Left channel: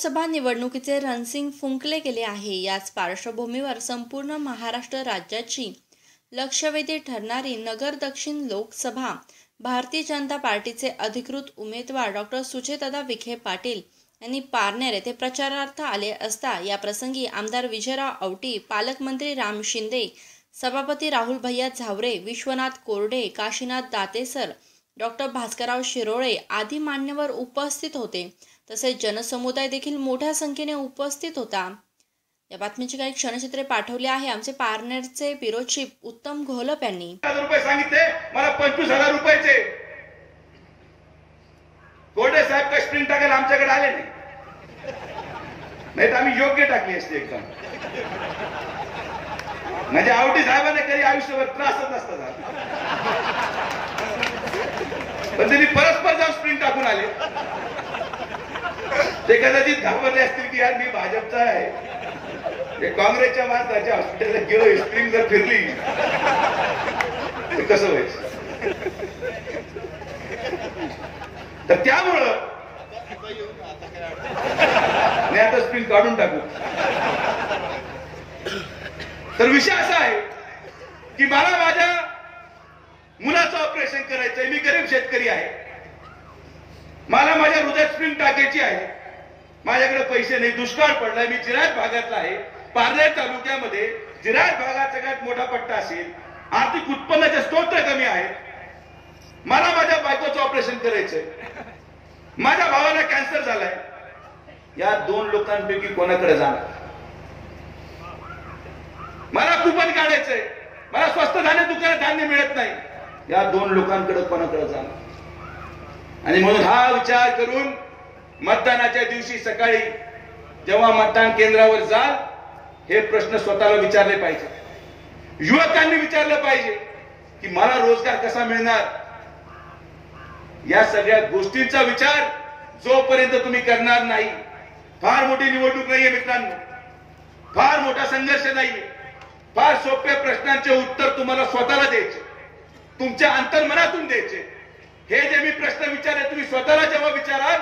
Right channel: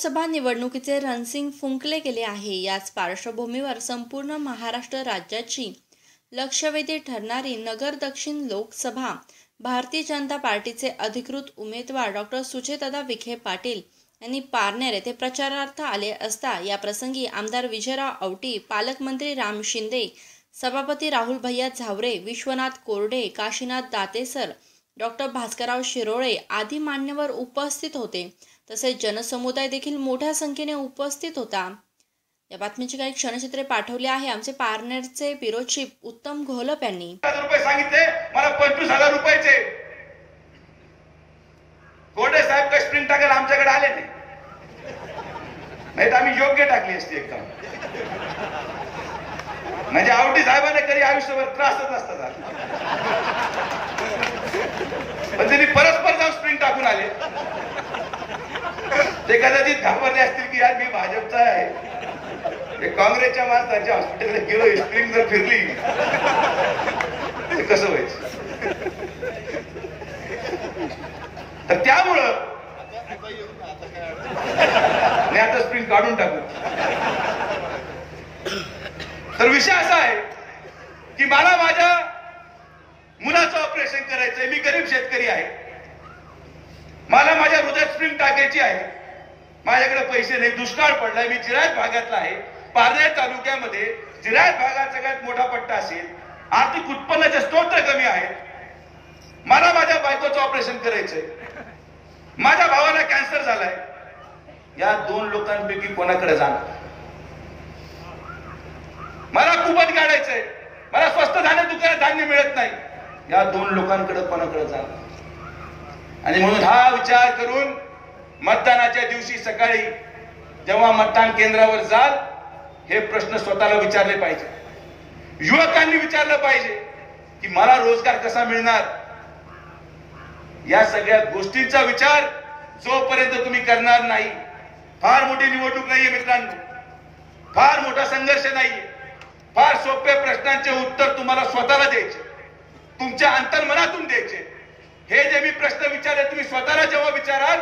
लोकसभा निवडणुकीचे रणसिंग फुंकले गेले आहे. याच पार्श्वभूमीवर संपूर्ण महाराष्ट्र राज्याची लक्षवेधी ठरणारी नगर दक्षिण लोकसभा भारतीय जनता पार्टीचे अधिकृत उमेदवार डॉक्टर सुचेतदा विखे पाटील यांनी पारनेर येथे प्रचारार्थ आले असता या प्रसंगी आमदार विजयराव औटी पालकमंत्री राम शिंदे सभापती राहुल भैया झावरे विश्वनाथ कोरडे काशीनाथ दातेसर डॉक्टर भास्करराव शिरोळे आदी मान्यवर उपस्थित होते. तसेच जनसमुदाय देखील मोठ्या संख्येने उपस्थित होता. या बातमीची काही क्षणचित्रे पाठवली आहे. आमचे पार्नेरचे पिरोचिप उत्तम घोलप यांनी. रुपये सांगितले. मला पंचवीस हजार रुपयाचे. गोडे साहेब काही स्प्रिंग टाकायला आमच्याकडे आले नाही. नाही तर आम्ही योग्य टाकली असते एकदम. म्हणजे आवडी साहेबांना कधी आयुष्यभर त्रासच नसता झाला. पण त्यांनी परस्पर जाऊन स्प्रिंग टाकून आले. ते कदाचित घाबरले असतील की यार मी भाजपचा आहे. ते काँग्रेसच्या माणसाच्या हॉस्पिटलला गेलो स्प्रिंग जर फिरली ते कसं व्हायचं? तर त्यामुळं मी आता स्प्रिंग काढून टाकू. तर विषय असा आहे की मला माझ्या मुलाचं ऑपरेशन करायचंय. मी गरीब शेतकरी आहे. मला माझ्या हृदयात स्प्रिंग टाकायची आहे. माझ्याकडे पैसे नाही दुष्काळ पडलाय मी जिराज भागातला आहे. पारनेर तालुक्यामध्ये जिराज भागात सगळ्यात मोठा पट्टा असेल आर्थिक उत्पन्नाचे स्तोत्र कमी आहे. मला माझ्या बायकोचं ऑपरेशन करायचंय. माझ्या भावाला कॅन्सर झालाय. या दोन लोकांपैकी कोणाकडे जाणार? मला कुपन काढायचंय. मला स्वस्त धान्य दुकानात धान्य मिळत नाही. या दोन लोकांकडे कोणाकडे जाणार? आणि म्हणून हा विचार करून मतदानाच्या दिवशी सकाळी जेव्हा मतदान केंद्रावर जाल हे प्रश्न स्वतःला विचारले पाहिजे. युवकांनी विचारलं पाहिजे की मला रोजगार कसा मिळणार? या सगळ्या गोष्टींचा विचार जोपर्यंत तुम्ही करणार नाही फार मोठी निवडणूक नाहीये मित्रांनो. फार मोठा संघर्ष नाहीये. फार सोप्या प्रश्नांचे उत्तर तुम्हाला स्वतःला द्यायचे. तुमच्या अंतर्मनातून द्यायचे. हे जे मी प्रश्न विचारले तुम्ही स्वतःला जेव्हा विचाराल?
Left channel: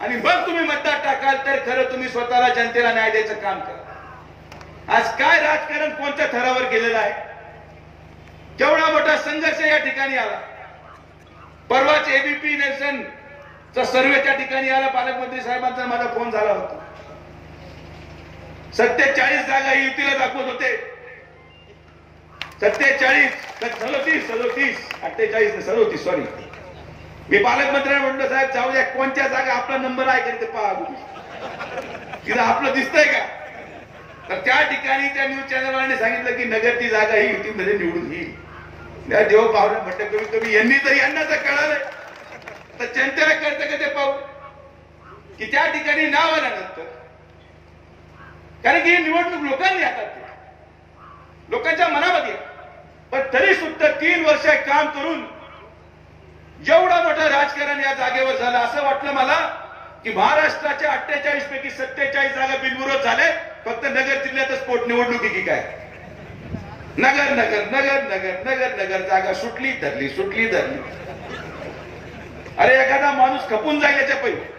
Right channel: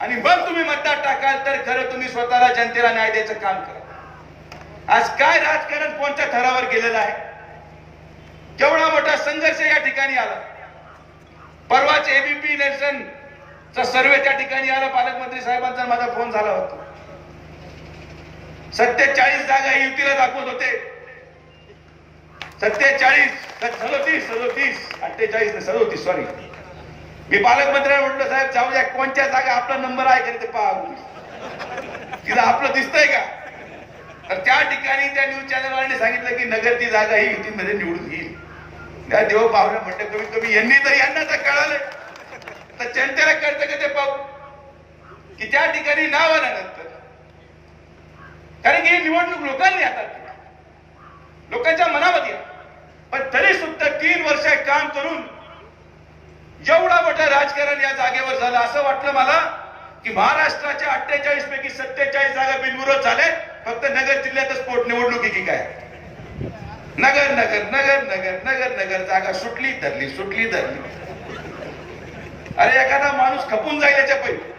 आणि मग तुम्ही मतदार टाकाल तर खरं तुम्ही स्वतःला जनतेला न्याय द्यायचं काम करा. आज काय राजकारण कोणत्या थरावर गेलेलं आहे? केवढा मोठा संघर्ष या ठिकाणी आला. परवाच एबीपी नेल्सन चा सर्वे त्या ठिकाणी आला पालकमंत्री साहेबांचा माझा फोन झाला होता. सत्तेचाळीस जागा युतीला दाखवत होते. सत्तेचाळीस सदोतीस सदोतीस अठ्ठेचाळीस सदोतीस सॉरी मी पालकमंत्र्यांना म्हटलं साहेब जाऊ द्या कोणत्या जागा आपला नंबर आहे का ते पहा तिला आपलं दिसतंय का? तर त्या ठिकाणी त्या न्यूज चॅनलवाल्यांनी सांगितलं की नगर ती जागा ही युतीमध्ये म्हणजे निवडून येईल. त्या देव पाहुणा म्हटलं कमी कमी यांनी तर यांना तर कळालंय तर जनतेला कळतं का ते पाहू? की त्या ठिकाणी नाव आल्यानंतर कारण की ही निवडणूक लोकांनी हातात लोकांच्या मनामध्ये पण तरी सुद्धा तीन वर्ष काम करून राजकारण या जागेवर झालं. असं वाटलं मला की महाराष्ट्राच्या अठ्ठेचाळीस पैकी सत्तेचाळीस जागा बिनविरोध झाले फक्त नगर जिल्ह्यातच पोटनिवडणुकी की काय? नगर नगर नगर नगर नगर नगर. जागा सुटली धरली सुटली धरली. अरे एखादा माणूस खपून जाईल याच्या पहिले.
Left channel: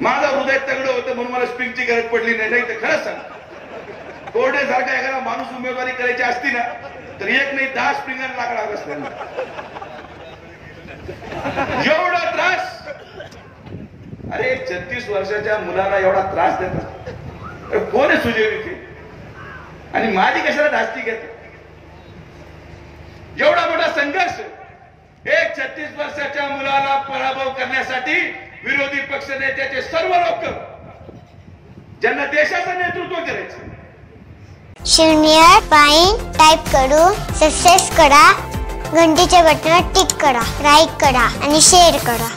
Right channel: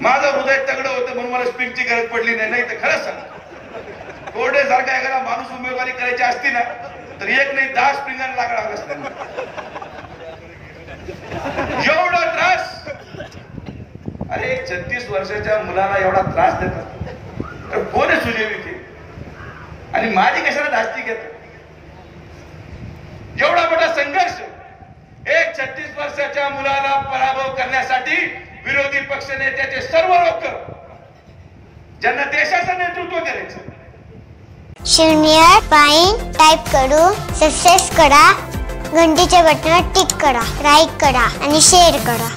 माझं हृदय तगडं होतं म्हणून मला स्प्रिंगची गरज पडली नाही. नाही तर खरंच सांग. कोरडे सारखा एखादा माणूस उमेदवारी करायची असती ना तर एक नाही दहा स्प्रिंगर लागणार असतं एवढा त्रास? अरे छत्तीस वर्षाच्या मुलाला एवढा त्रास देतात तर कोण आहे ते आणि माझी कशाला धास्ती घेत? एवढा मोठा संघर्ष. एक छत्तीस वर्षाच्या मुलाला पराभव करण्यासाठी विरोधी पक्ष नेत्याचे सर्व लोक ज्यांना देशाचं नेतृत्व करायचं. शून्य पाईन टाईप करू सक्सेस करा घंटीच्या बटनावर टिक करा लाईक करा आणि शेअर करा.